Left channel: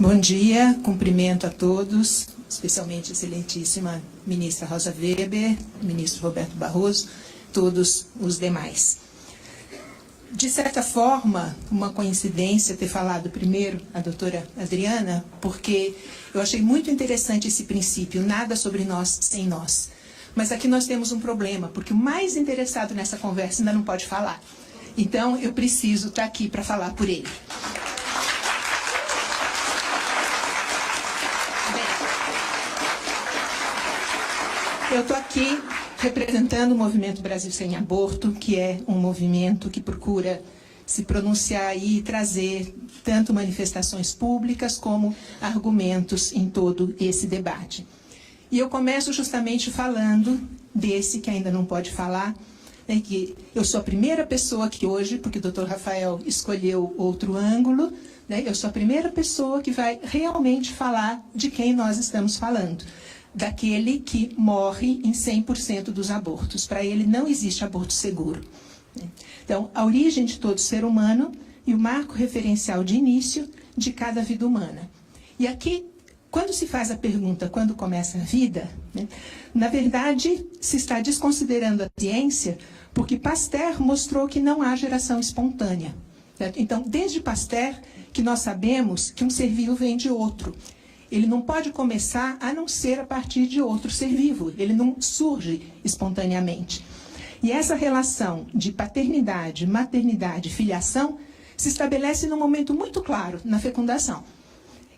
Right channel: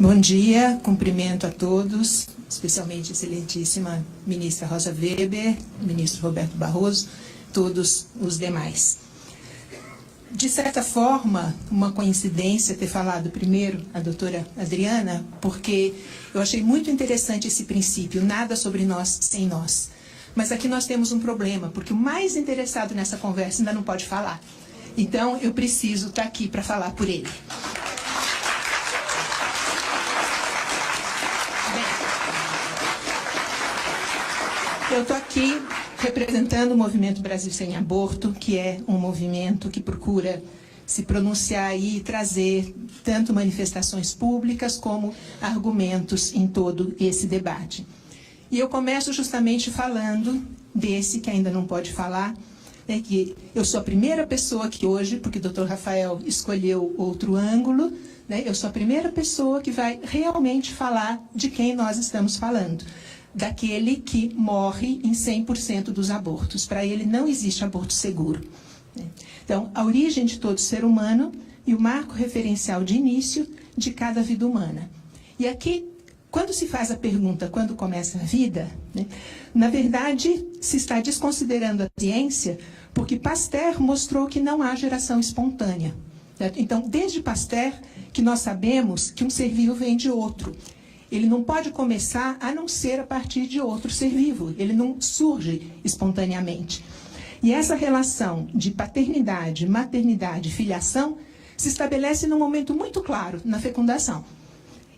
Bom dia, cumprimento a todos, especialmente a excelentíssima ministra Rosa Weber, ministro Roberto Barroso, todos os demais. De certa forma, uma coincidência ter falado primeiro a doutora Adriana, porque eu achei muito interessante esse princípio, nada sobre nós sem nós. Mas aqui nós temos um problema, porque o mais interessado nessa conversa ainda não pode falar. Então, eu preciso estar aqui para falar por ele. Eu estou aqui representando o Movimento Brasil Sem Aborto, que é um movimento que procura se pronunciar e trazer tanto manifestações públicas como argumentos em todo esse debate. E eu começo justamente falando desse que ainda não pode falar, que eu sou a primeira pessoa que hoje, porque o Dr. Rafael escolheu outro ângulo, eu sou a primeira pessoa que vai realmente falar de quem nós estamos falando. Daquele que morre em 100% dos abortos. Para ele não existe aborto seguro. Então, a origem de todo ser humano e o marco referencial de início de cada vida humana. E aqui, quando se faz a pergunta, quando começa a vida, na verdade, se está desconsiderando a ciência, porque Pasteur mostrou que não há geração espontânea. Certo? Então, desde Pasteur, que nós sabemos que um ser vivo vem de outro. Ele não pode começar a não ser a partir de outro ser vivo. Ele não surge espontaneamente. E essa relação de paternidade, maternidade, filiação se estabelece num momento muito claro, na fecundação.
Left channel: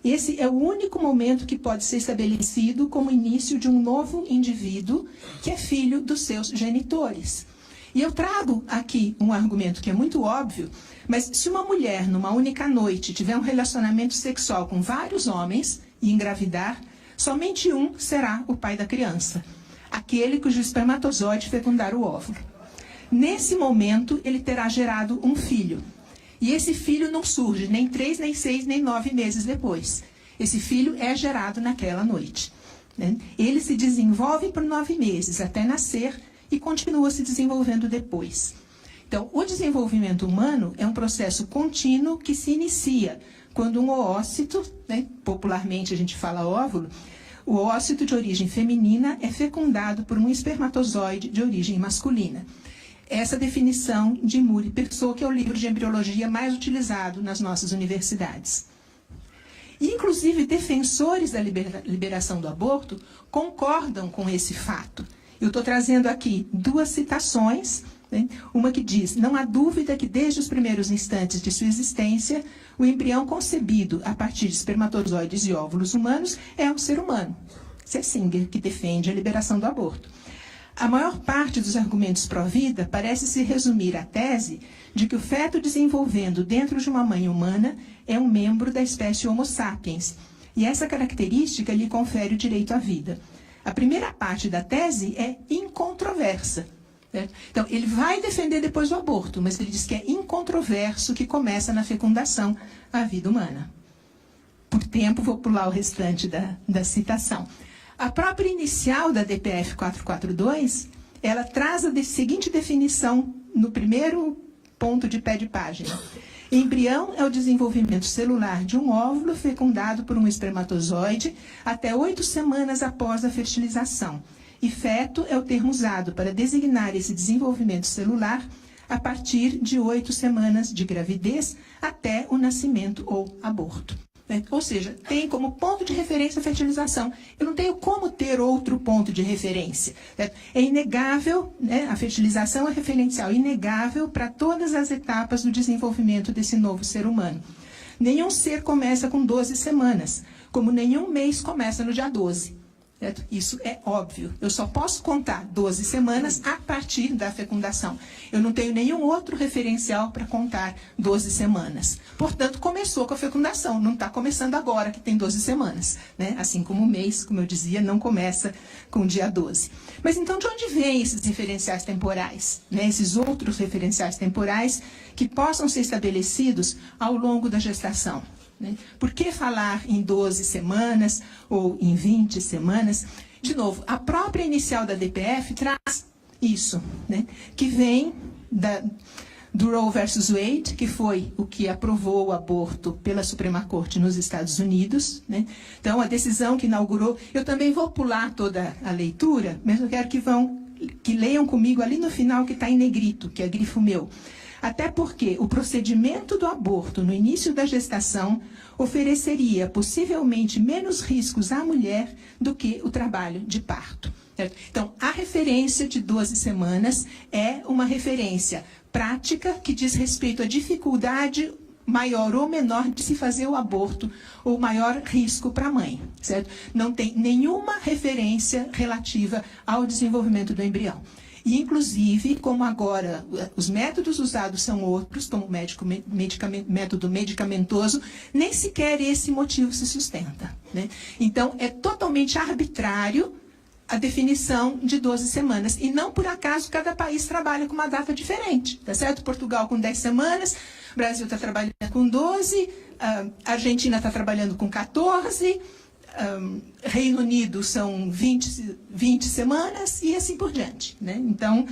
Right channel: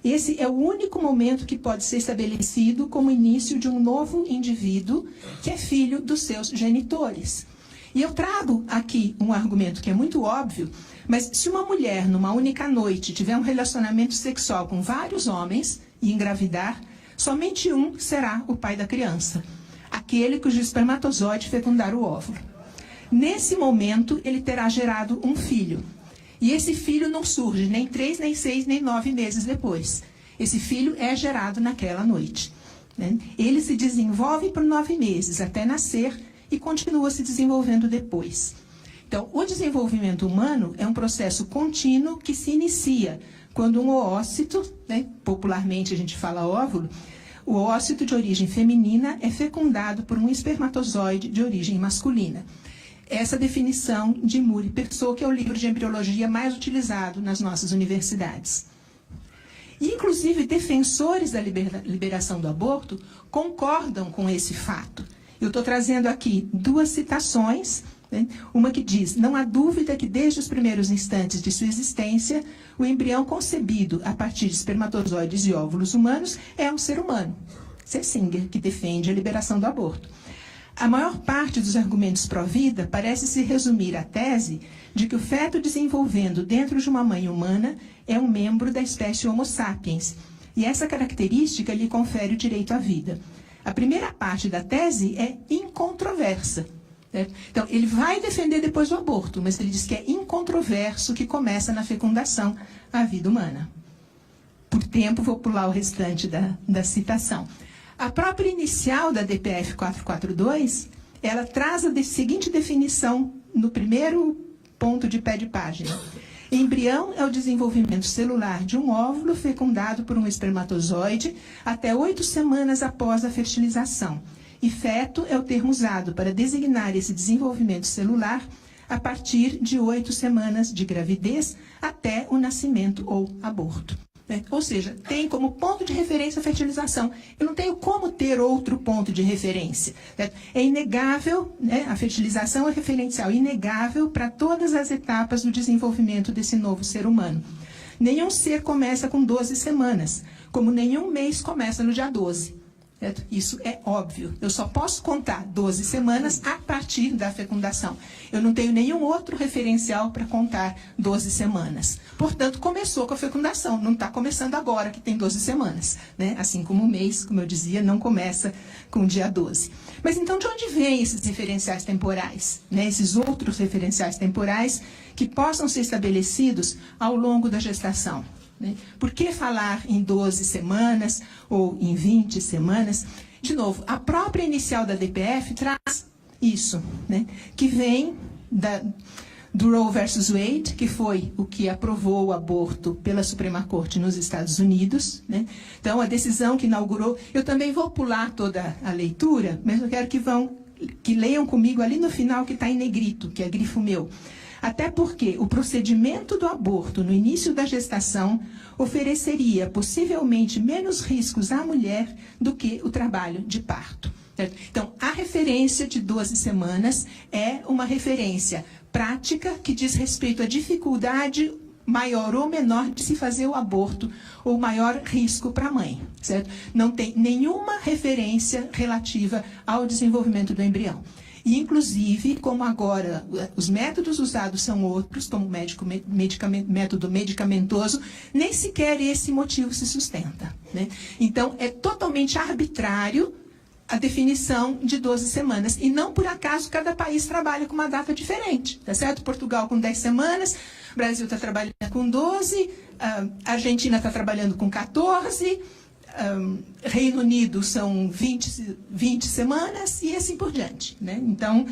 Esse é o único momento que pode ser estabelecido como início de um novo indivíduo que é filho dos seus genitores. E eu trago aqui um argumento que é muito óbvio, mas se uma mulher, numa única noite, tiver um relacionamento sexual com vários homens e engravidar, somente um será o pai da criança, aquele cujo espermatozoide fecundar o óvulo. Nesse momento, ele terá gerado um filho. E esse filho não surge nem 3, nem 6, nem 9 meses depois. Esse filho é gerado naquela noite. Ele se desenvolve por 9 meses, até nascer, e continua se desenvolvendo depois. Então, o desenvolvimento humano é um processo contínuo que se inicia quando um oócito, popularmente a gente fala óvulo, o oócito de origem feminina é fecundado por um espermatozoide de origem masculina. Essa definição de Murray Persaud, que é o livro de embriologia mais utilizado nas nossas universidades. E, inclusive, defensores da liberação do aborto concordam com esse fato. Eu estou trazendo aqui 2 citações. Uma que diz: não há dúvida que desde os primeiros instantes de sua existência, o embrião concebido a partir de espermatozoides e óvulos humanos é um ser humano. Isso é Singer, que defende a liberação do aborto. A maior parte dos argumentos pró-vida parece se resumir à tese de que o feto desenvolvendo dentro de uma mãe humana é um membro da espécie Homo sapiens, e essa característica lhe confere o direito à vida. A primeira parte da tese é incontroversa. Então, ele vai defender depois o aborto, mas ele diz que é incontroverso que começa na fecundação a vida humana. Por tempo, vou pular o restante da citação. A própria inicial da DPF 442, ela traz a seguinte definição no primeiro ponto de pé de página. Embrião é o desenvolvimento celular de um óvulo fecundado por um espermatozoide até 8 semanas após a fertilização. E feto é o termo usado para designar esse desenvolvimento celular a partir de 8 semanas de gravidez até o nascimento ou aborto. Ou seja, tem como ponto de referência a fertilização. Eu não tenho como ter outro ponto de referência. É inegável, a fertilização é referencial, inegável para todas as etapas do desenvolvimento desse novo ser humano. Nenhum ser começa com 12 semanas, como nenhum mês começa no dia 12. Certo? Isso é óbvio. Eu só posso contar 12 semanas a partir da fecundação. Eu não tenho nenhum outro referencial para contar 12 semanas. Portanto, começou com a fecundação. Não está começando agora, que tem 12 semanas. Assim como o mês, como eu dizia, não começa com o dia 12. Mas então, de onde vêm esses referenciais temporais? Esses outros referenciais temporais que possam ser estabelecidos ao longo da gestação? Por que falar em 12 semanas ou em 20 semanas? De novo, a própria inicial da DPF traz isso, que vem do Roe versus Wade, que foi o que aprovou o aborto pela Suprema Corte nos Estados Unidos, né? Então, a decisão que inaugurou... Eu também vou pular toda a leitura, mas eu quero que leiam comigo ali no final, que está em negrito, que é grifo meu. Até porque o procedimento do aborto no início da gestação ofereceria possivelmente menos riscos à mulher do que o trabalho de parto. Certo? Então, a referência de 12 semanas é uma referência prática que diz respeito à dificuldade maior ou menor de se fazer o aborto, ou maior risco para a mãe, certo? Não tem nenhuma referência relativa ao desenvolvimento do embrião. E, inclusive, como agora os métodos usados são outros, como método medicamentoso, nem sequer esse motivo se sustenta, né? Então, é totalmente arbitrário a definição de 12 semanas. E não por acaso cada país trabalha com uma data diferente, tá certo? Portugal com 10 semanas, Brasil está trabalhando com 12, a Argentina está trabalhando com 14, Reino Unido são 20 semanas e assim por diante, né? Então,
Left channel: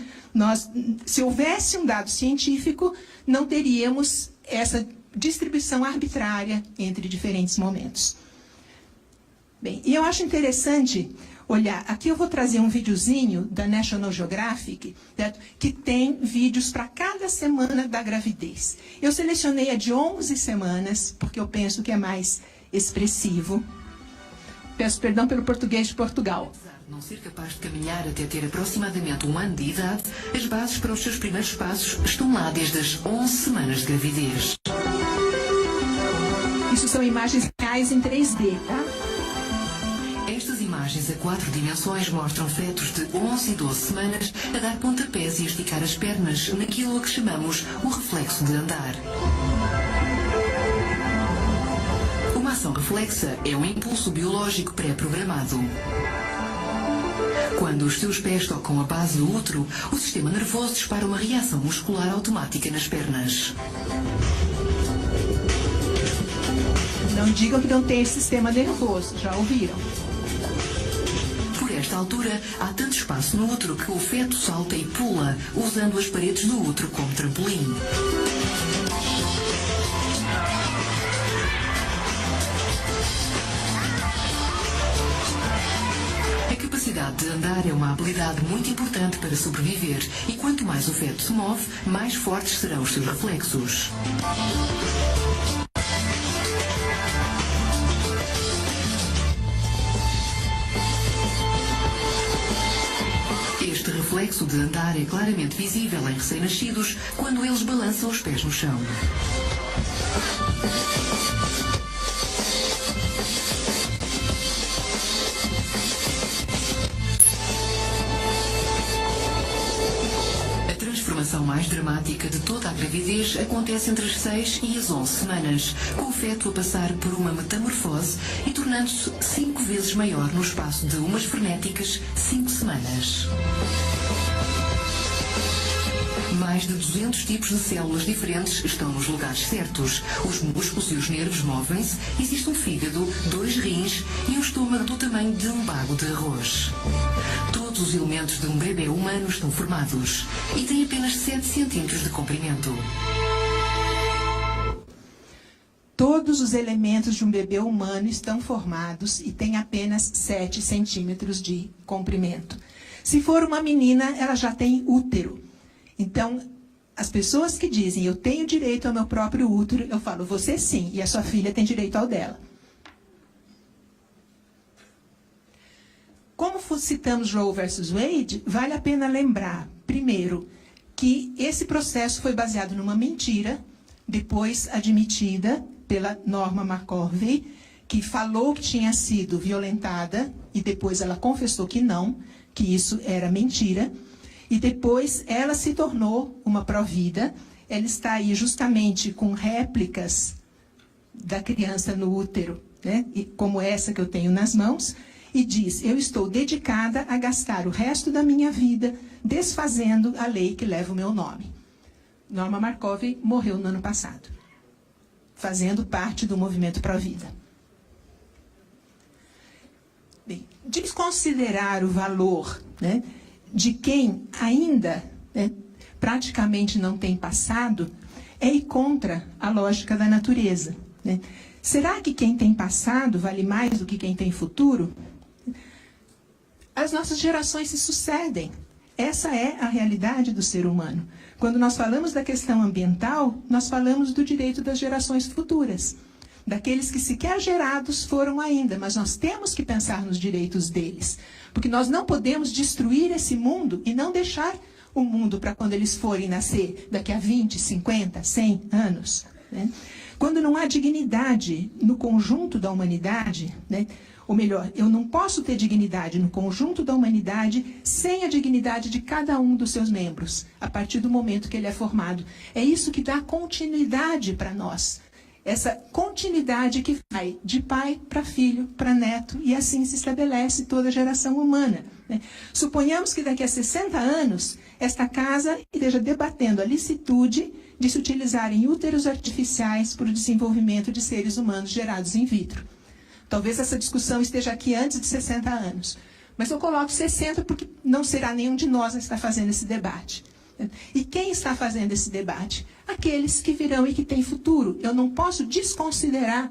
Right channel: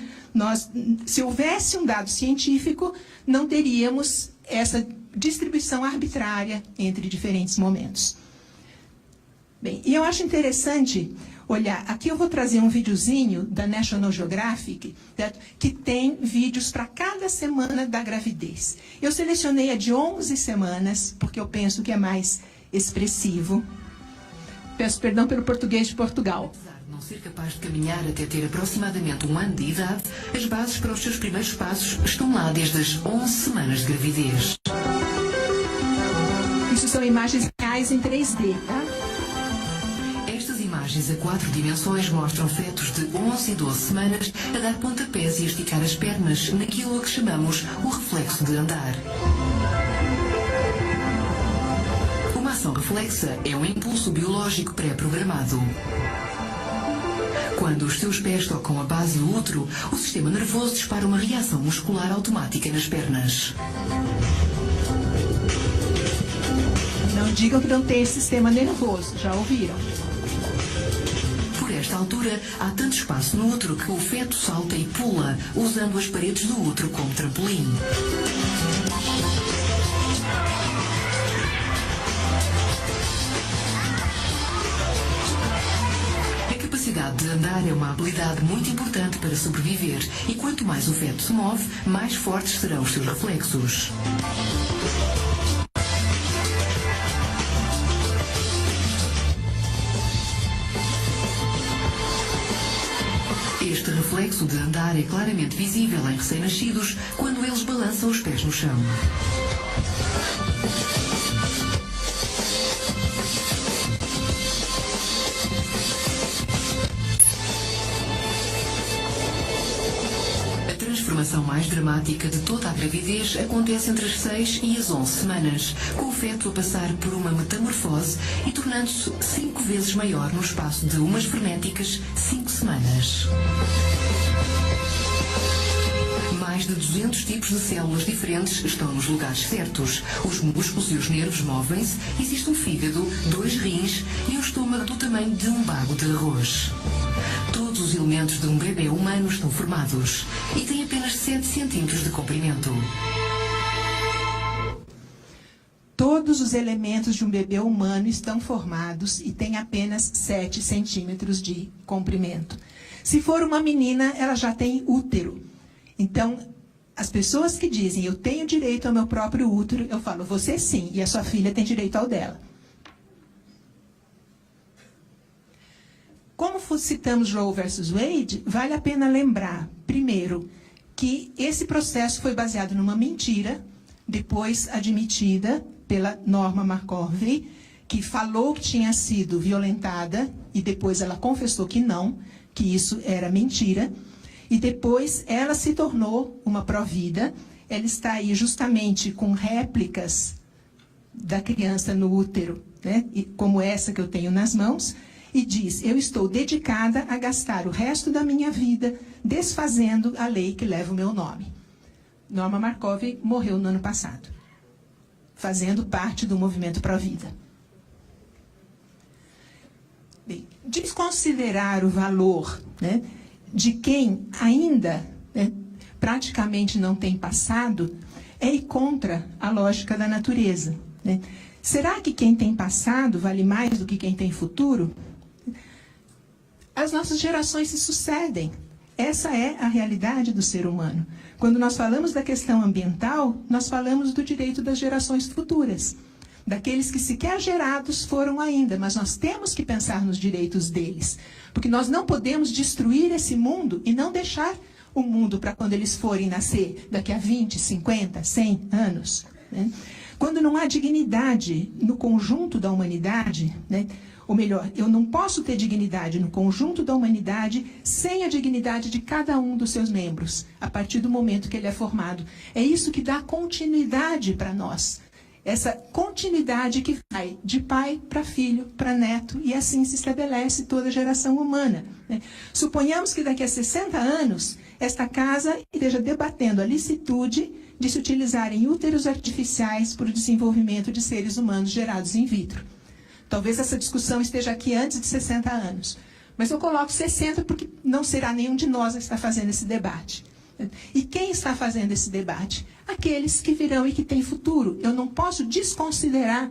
se houvesse um dado científico, não teríamos essa distribuição arbitrária entre diferentes momentos. Bem, e eu acho interessante olhar, aqui eu vou trazer um videozinho da National Geographic, certo? Que tem vídeos para cada semana da gravidez. Eu selecionei a de 11 semanas, porque eu penso que é mais expressivo. Peço perdão pelo português de Portugal. Apesar de não ser capaz de caminhar até ter aproximadamente 1 ano de idade, as bases para os seus primeiros passos estão lá desde as 11 semanas de gravidez. Isso são imagens reais em 3D, tá? Estas imagens a 4 dimensões mostram fetos de 11 e 12 semanas a dar pontapés e a esticar as pernas naquilo a que chamamos o reflexo de andar. Uma ação reflexa é um impulso biológico pré-programado. Quando os seus pés tocam a base do útero, o sistema nervoso dispara uma reação muscular automática nas pernas. Não digam que não tem sistema nervoso, já ouviram? Por esta altura, há tanto espaço no útero que o feto salta e pula, usando as paredes do útero como trampolim. A capacidade de andar é uma habilidade muito importante para sobreviver, e quanto mais o feto se move, mais fortes serão os seus reflexos. Este reflexo de andar é claramente visível em recém-nascidos quando eles balançam os pés no chão. A transformação mais dramática de toda a gravidez acontece entre as 6 e as 11 semanas, com o feto a passar por uma metamorfose e tornando-se 5 vezes maior no espaço de umas frenéticas 5 semanas. Mais de 200 tipos de células diferentes estão nos lugares certos. Os músculos e os nervos movem-se, existe um fígado, 2 rins e um estômago do tamanho de um bago de arroz. Todos os elementos de um bebê humano estão formados e têm apenas 7 centímetros de comprimento. Todos os elementos de um bebê humano estão formados e têm apenas 7 centímetros de comprimento. Se for uma menina, ela já tem útero. Então, as pessoas que dizem, eu tenho direito ao meu próprio útero, eu falo, você sim, e a sua filha tem direito ao dela. Como citamos Roe versus Wade, vale a pena lembrar, primeiro, que esse processo foi baseado numa mentira, depois admitida pela Norma McCorvey, que falou que tinha sido violentada, e depois ela confessou que não, que isso era mentira. E depois ela se tornou uma pró-vida. Ela está aí justamente com réplicas da criança no útero, né? Como essa que eu tenho nas mãos, e diz, eu estou dedicada a gastar o resto da minha vida desfazendo a lei que leva o meu nome. Norma McCorvey morreu no ano passado, fazendo parte do movimento pró-vida. Bem, desconsiderar o valor, né, de quem ainda, né, praticamente não tem passado, é ir contra a lógica da natureza, né? Será que quem tem passado vale mais do que quem tem futuro? As nossas gerações se sucedem. Essa é a realidade do ser humano. Quando nós falamos da questão ambiental, nós falamos do direito das gerações futuras, daqueles que sequer gerados foram ainda, mas nós temos que pensar nos direitos deles, porque nós não podemos destruir esse mundo e não deixar o mundo para quando eles forem nascer daqui a 20, 50, 100 anos, né? Quando não há dignidade no conjunto da humanidade, né? Ou melhor, eu não posso ter dignidade no conjunto da humanidade sem a dignidade de cada um dos seus membros, a partir do momento que ele é formado. É isso que dá continuidade para nós. Essa continuidade que vai de pai para filho, para neto, e assim se estabelece toda a geração humana, né? Suponhamos que daqui a 60 anos, esta casa esteja debatendo a licitude de se utilizarem úteros artificiais para o desenvolvimento de seres humanos gerados in vitro. Talvez essa discussão esteja aqui antes de 60 anos, mas eu coloco 60 porque não será nenhum de nós a estar fazendo esse debate. E quem está fazendo esse debate? Aqueles que virão e que têm futuro. Eu não posso desconsiderar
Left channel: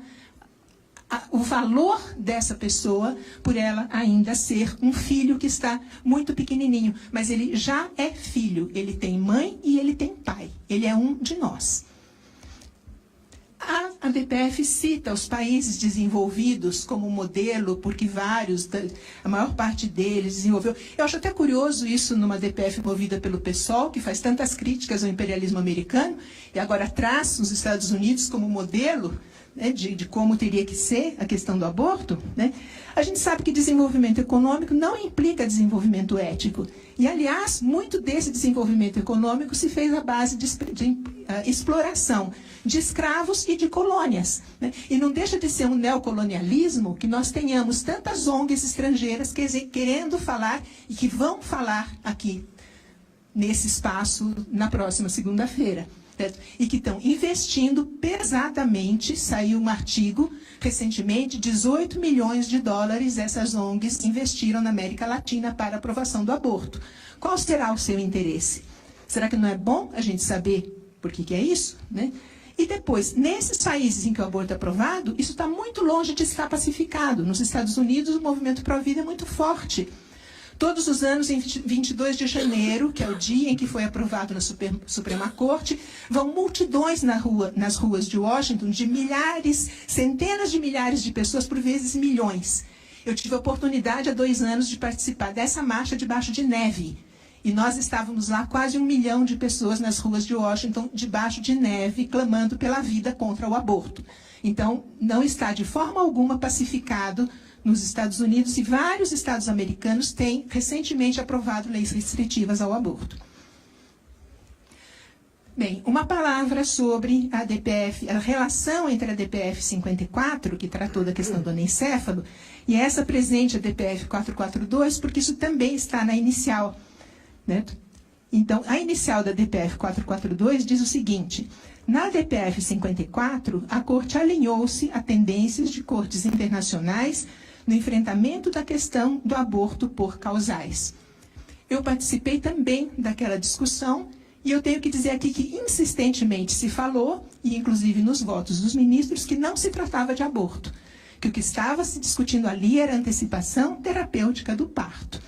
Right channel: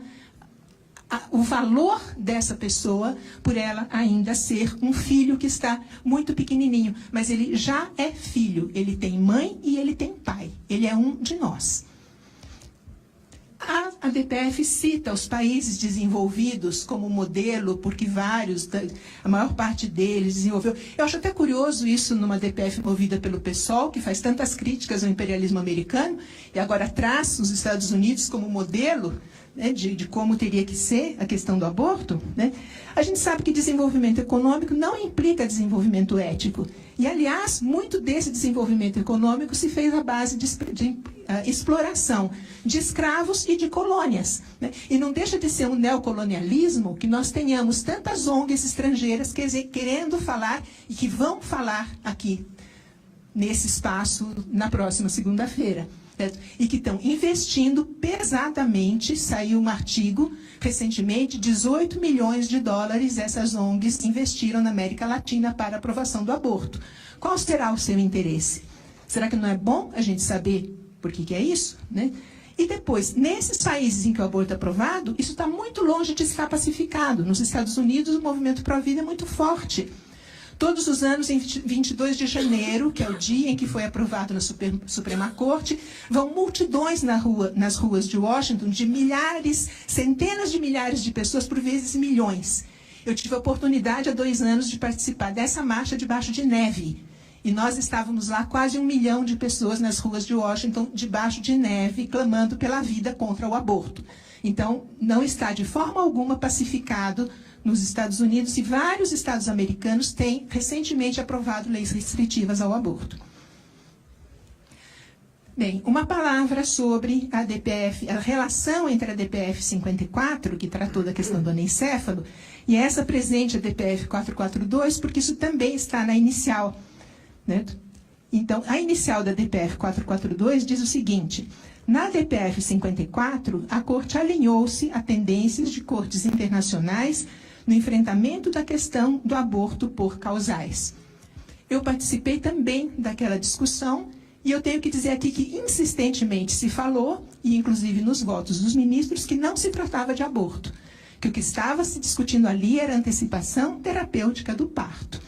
o valor dessa pessoa por ela ainda ser um filho que está muito pequenininho. Mas ele já é filho. Ele tem mãe e ele tem pai. Ele é um de nós. A DPF cita os países desenvolvidos como modelo, porque a maior parte deles desenvolveu. Eu acho até curioso isso numa DPF movida pelo PSOL, que faz tantas críticas ao imperialismo americano, e agora traz os Estados Unidos como modelo, né, de como teria que ser a questão do aborto, né? A gente sabe que desenvolvimento econômico não implica desenvolvimento ético. E, aliás, muito desse desenvolvimento econômico se fez à base de exploração de escravos e de colônias, né? E não deixa de ser um neocolonialismo que nós tenhamos tantas ONGs estrangeiras querendo falar e que vão falar aqui, nesse espaço, na próxima segunda-feira. E que estão investindo pesadamente. Saiu um artigo recentemente, 18 milhões de dólares essas ONGs investiram na América Latina para a aprovação do aborto. Qual será o seu interesse? Será que não é bom a gente saber por que é isso, né? E depois, nesses países em que o aborto é aprovado, isso está muito longe de estar pacificado. Nos Estados Unidos, o movimento pró-vida é muito forte. Todos os anos, em 22 de janeiro, que é o dia em que foi aprovado na Suprema Corte, vão multidões nas ruas de Washington, de milhares, centenas de milhares de pessoas, por vezes milhões. Eu tive a oportunidade, há 2 anos, de participar dessa marcha debaixo de neve. E nós estávamos lá, quase 1 milhão de pessoas nas ruas de Washington, debaixo de neve, clamando pela vida contra o aborto. Então, não está de forma alguma pacificado nos Estados Unidos, e vários estados americanos têm recentemente aprovado leis restritivas ao aborto. Bem, uma palavra sobre a DPF, a relação entre a DPF 54, que tratou da questão do anencéfalo, e essa presente, a DPF 442, porque isso também está na inicial, né? Então, a inicial da DPF 442 diz o seguinte: na DPF 54, a Corte alinhou-se a tendências de cortes internacionais no enfrentamento da questão do aborto por causais. Eu participei também daquela discussão e eu tenho que dizer aqui que insistentemente se falou, e inclusive nos votos dos ministros, que não se tratava de aborto, que o que estava se discutindo ali era a antecipação terapêutica do parto.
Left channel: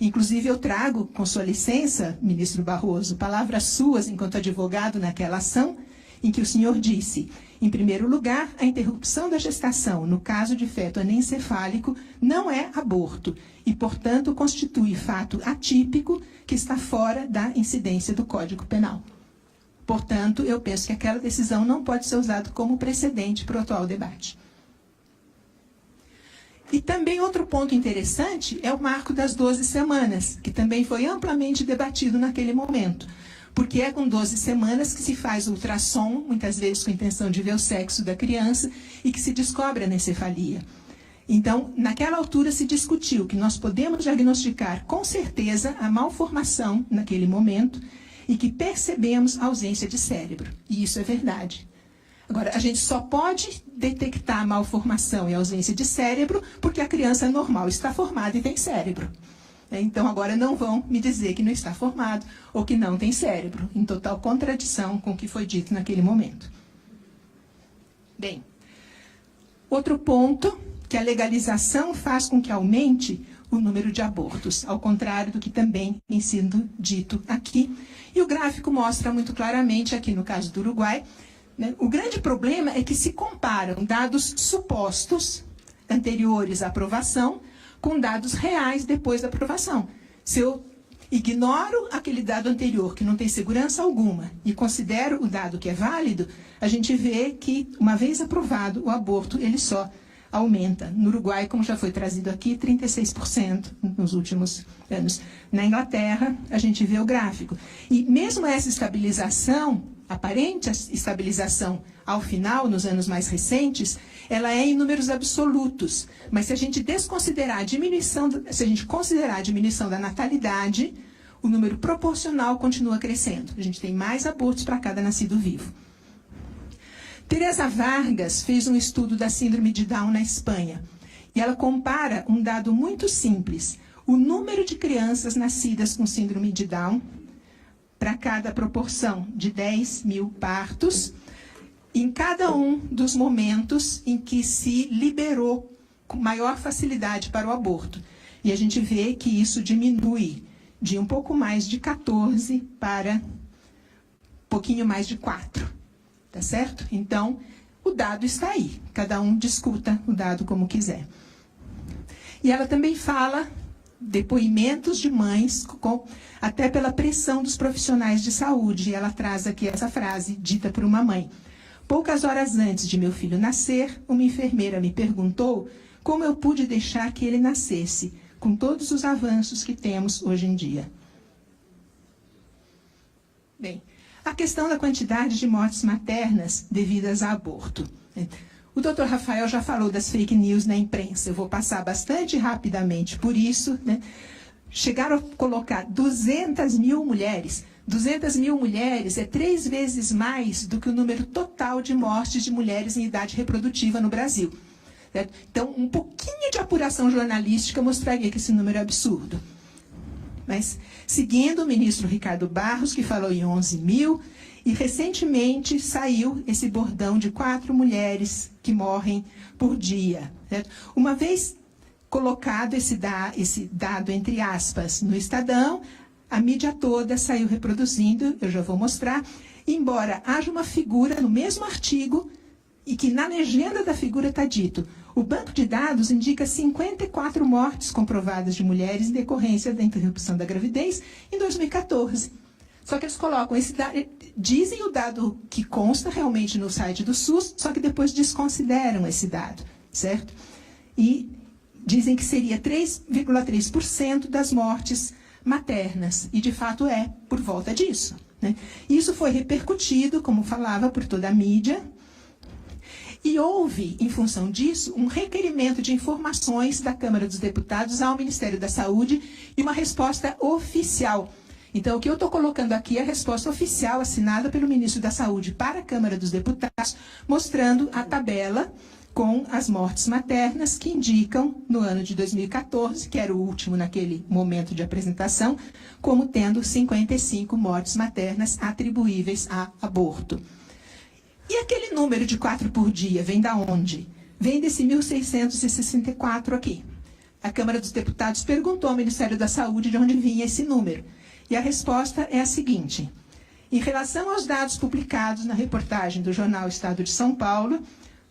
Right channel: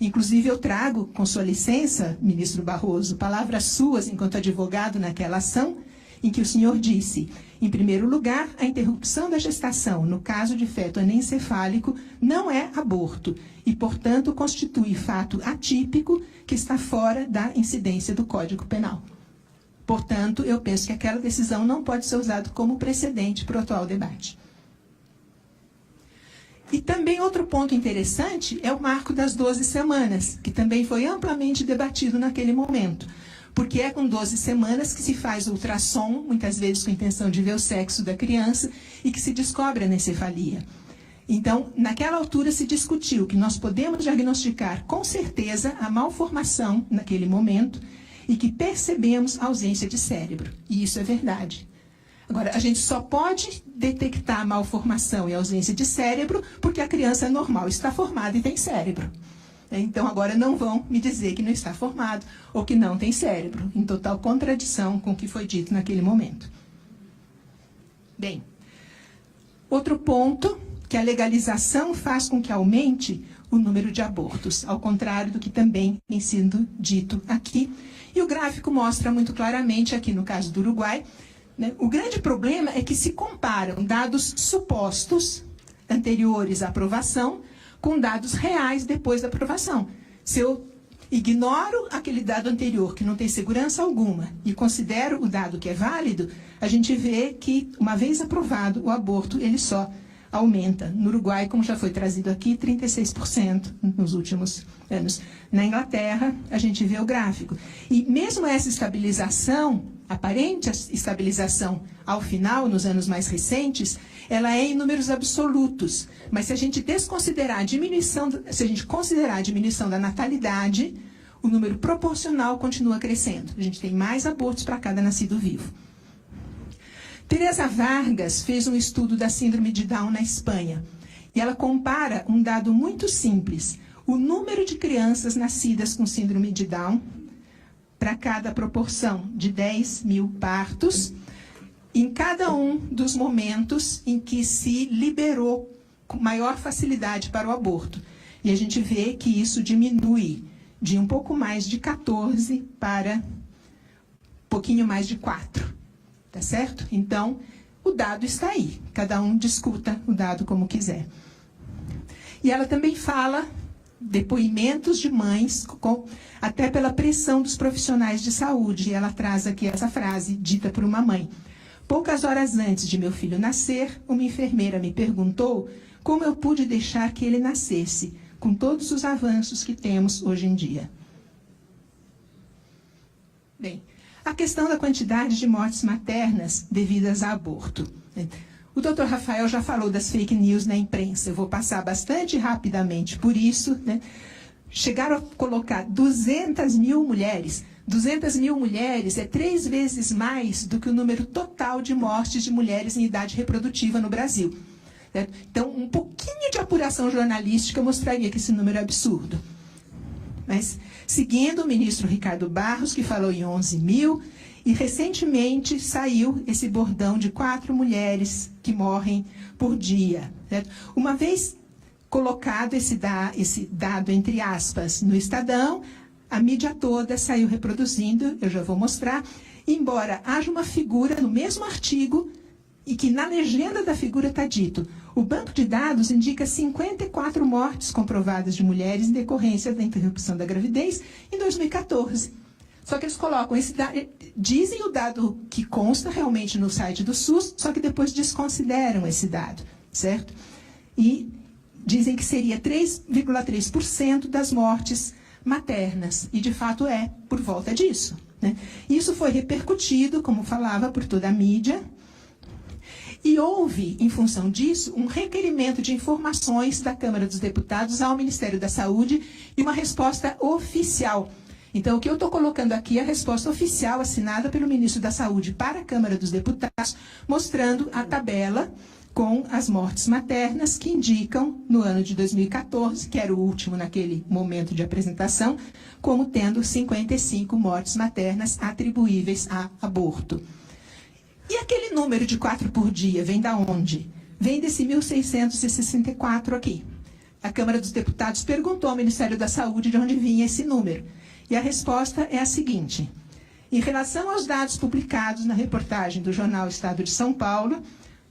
Inclusive eu trago, com sua licença, ministro Barroso, palavras suas enquanto advogado naquela ação, em que o senhor disse: em primeiro lugar, a interrupção da gestação, no caso de feto anencefálico, não é aborto e, portanto, constitui fato atípico que está fora da incidência do Código Penal. Portanto, eu penso que aquela decisão não pode ser usada como precedente para o atual debate. E também outro ponto interessante é o marco das 12 semanas, que também foi amplamente debatido naquele momento. Porque é com 12 semanas que se faz o ultrassom, muitas vezes com a intenção de ver o sexo da criança, e que se descobre a anencefalia. Então, naquela altura se discutiu que nós podemos diagnosticar com certeza a malformação naquele momento e que percebemos a ausência de cérebro. E isso é verdade. Agora, a gente só pode detectar a malformação e a ausência de cérebro porque a criança normal está formada e tem cérebro. Então, agora não vão me dizer que não está formado ou que não tem cérebro, em total contradição com o que foi dito naquele momento. Bem, outro ponto, que a legalização faz com que aumente o número de abortos, ao contrário do que também tem sido dito aqui. E o gráfico mostra muito claramente, aqui no caso do Uruguai, né, o grande problema é que se comparam dados supostos anteriores à aprovação com dados reais depois da aprovação. Se eu ignoro aquele dado anterior, que não tem segurança alguma, e considero o dado que é válido, a gente vê que, uma vez aprovado, o aborto ele só aumenta. No Uruguai, como já foi trazido aqui, 36% nos últimos anos. Na Inglaterra, a gente vê o gráfico. E mesmo essa estabilização, aparente estabilização ao final, nos anos mais recentes, ela é em números absolutos. Mas se a gente desconsiderar a diminuição, se a gente considerar a diminuição da natalidade, o número proporcional continua crescendo. A gente tem mais abortos para cada nascido vivo. Teresa Vargas fez um estudo da síndrome de Down na Espanha. E ela compara um dado muito simples. O número de crianças nascidas com síndrome de Down para cada proporção de 10 mil partos, em cada um dos momentos em que se liberou com maior facilidade para o aborto. E a gente vê que isso diminui de um pouco mais de 14 para um pouquinho mais de 4. Tá certo? Então, o dado está aí. Cada um discuta o dado como quiser. E ela também fala depoimentos de mães, até pela pressão dos profissionais de saúde. E ela traz aqui essa frase dita por uma mãe. Poucas horas antes de meu filho nascer, uma enfermeira me perguntou como eu pude deixar que ele nascesse, com todos os avanços que temos hoje em dia. Bem, a questão da quantidade de mortes maternas devidas a aborto. O Dr. Rafael já falou das fake news na imprensa. Eu vou passar bastante rapidamente por isso. Né? Chegaram a colocar 200 mil mulheres. 200 mil mulheres é 3 vezes mais do que o número total de mortes de mulheres em idade reprodutiva no Brasil. Certo? Então, um pouquinho de apuração jornalística mostraria que esse número é absurdo. Mas, seguindo o ministro Ricardo Barros, que falou em 11 mil, e recentemente saiu esse bordão de 4 mulheres que morrem por dia. Certo? Uma vez colocado esse dado, entre aspas, no Estadão, a mídia toda saiu reproduzindo, eu já vou mostrar, embora haja uma figura no mesmo artigo, e que na legenda da figura está dito: o banco de dados indica 54 mortes comprovadas de mulheres em decorrência da interrupção da gravidez em 2014. Só que eles colocam esse dado, dizem o dado que consta realmente no site do SUS, só que depois desconsideram esse dado, certo? E dizem que seria 3,3% das mortes maternas, e de fato é por volta disso. Né? Isso foi repercutido, como falava, por toda a mídia. E houve, em função disso, um requerimento de informações da Câmara dos Deputados ao Ministério da Saúde e uma resposta oficial. Então, o que eu estou colocando aqui é a resposta oficial assinada pelo Ministro da Saúde para a Câmara dos Deputados, mostrando a tabela com as mortes maternas que indicam, no ano de 2014, que era o último naquele momento de apresentação, como tendo 55 mortes maternas atribuíveis a aborto. E aquele número de 4 por dia vem da onde? Vem desse 1.664 aqui. A Câmara dos Deputados perguntou ao Ministério da Saúde de onde vinha esse número. E a resposta é a seguinte: em relação aos dados publicados na reportagem do jornal Estado de São Paulo,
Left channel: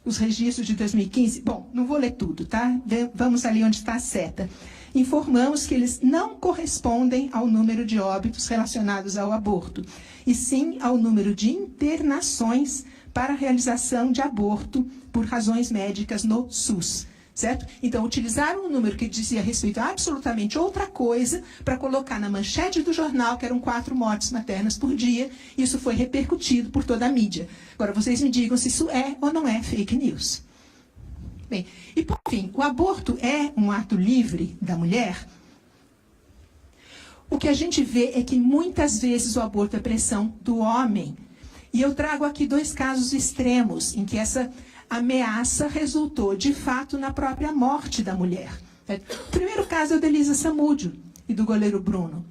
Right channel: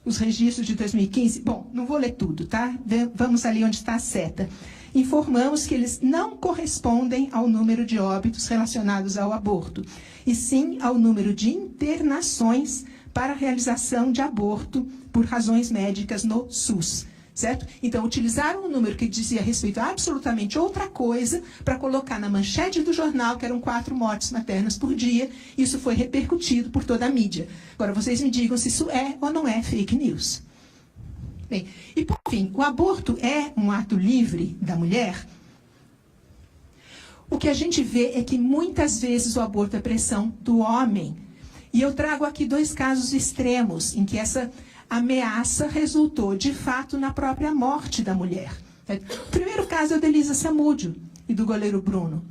os registros de 2015, bom, não vou ler tudo, tá? Vamos ali onde está a seta. Informamos que eles não correspondem ao número de óbitos relacionados ao aborto, e sim ao número de internações para a realização de aborto por razões médicas no SUS, certo? Então, utilizaram um número que dizia respeito a absolutamente outra coisa para colocar na manchete do jornal que eram 4 mortes maternas por dia. Isso foi repercutido por toda a mídia. Agora, vocês me digam se isso é ou não é fake news. Bem, e por fim, o aborto é um ato livre da mulher? O que a gente vê é que muitas vezes o aborto é pressão do homem. E eu trago aqui 2 casos extremos em que essa ameaça resultou, de fato, na própria morte da mulher. O primeiro caso é o da Elisa Samúdio. e do goleiro Bruno.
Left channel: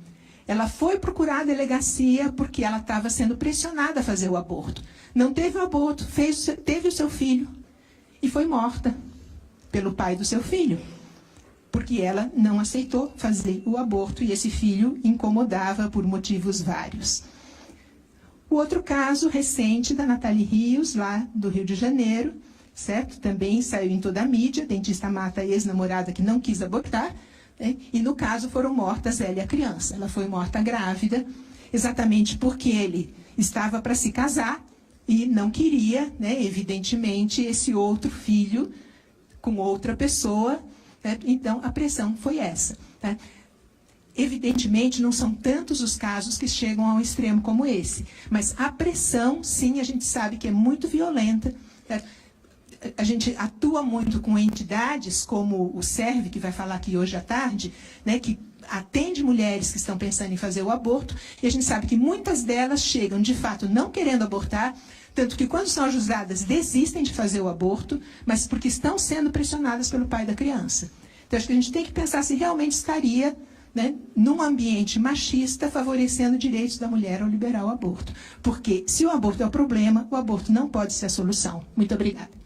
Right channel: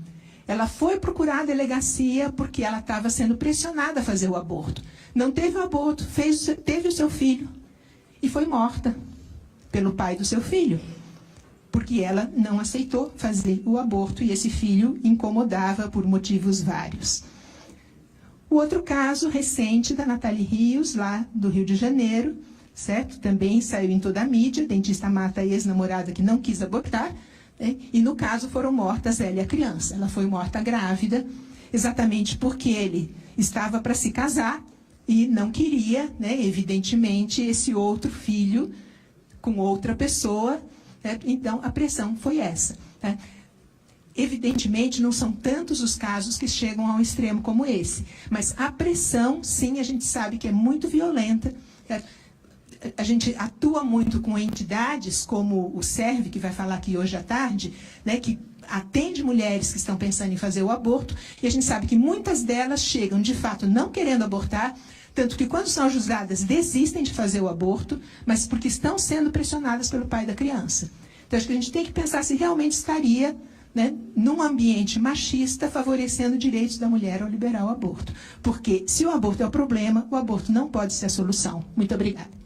Ela foi procurar a delegacia porque ela estava sendo pressionada a fazer o aborto. Não teve o aborto, teve o seu filho e foi morta pelo pai do seu filho, porque ela não aceitou fazer o aborto e esse filho incomodava por motivos vários. O outro caso recente da Nathalie Rios, lá do Rio de Janeiro, certo? Também saiu em toda a mídia, dentista mata a ex-namorada que não quis abortar, né? E no caso foram mortas ela e a criança. Ela foi morta grávida, exatamente porque ele estava para se casar e não queria, né, evidentemente, esse outro filho com outra pessoa, né? Então a pressão foi essa, tá? Evidentemente, não são tantos os casos que chegam a um extremo como esse, mas a pressão, sim, a gente sabe que é muito violenta. A gente atua muito com entidades como o SERV, que vai falar aqui hoje à tarde, né, que atende mulheres que estão pensando em fazer o aborto, e a gente sabe que muitas delas chegam, de fato, não querendo abortar, tanto que quando são ajuizadas desistem de fazer o aborto, mas porque estão sendo pressionadas pelo pai da criança. Então, acho que a gente tem que pensar se realmente estaria, né, num ambiente machista, favorecendo direitos da mulher ao liberar o aborto. Porque se o aborto é o problema, o aborto não pode ser a solução. Muito obrigada.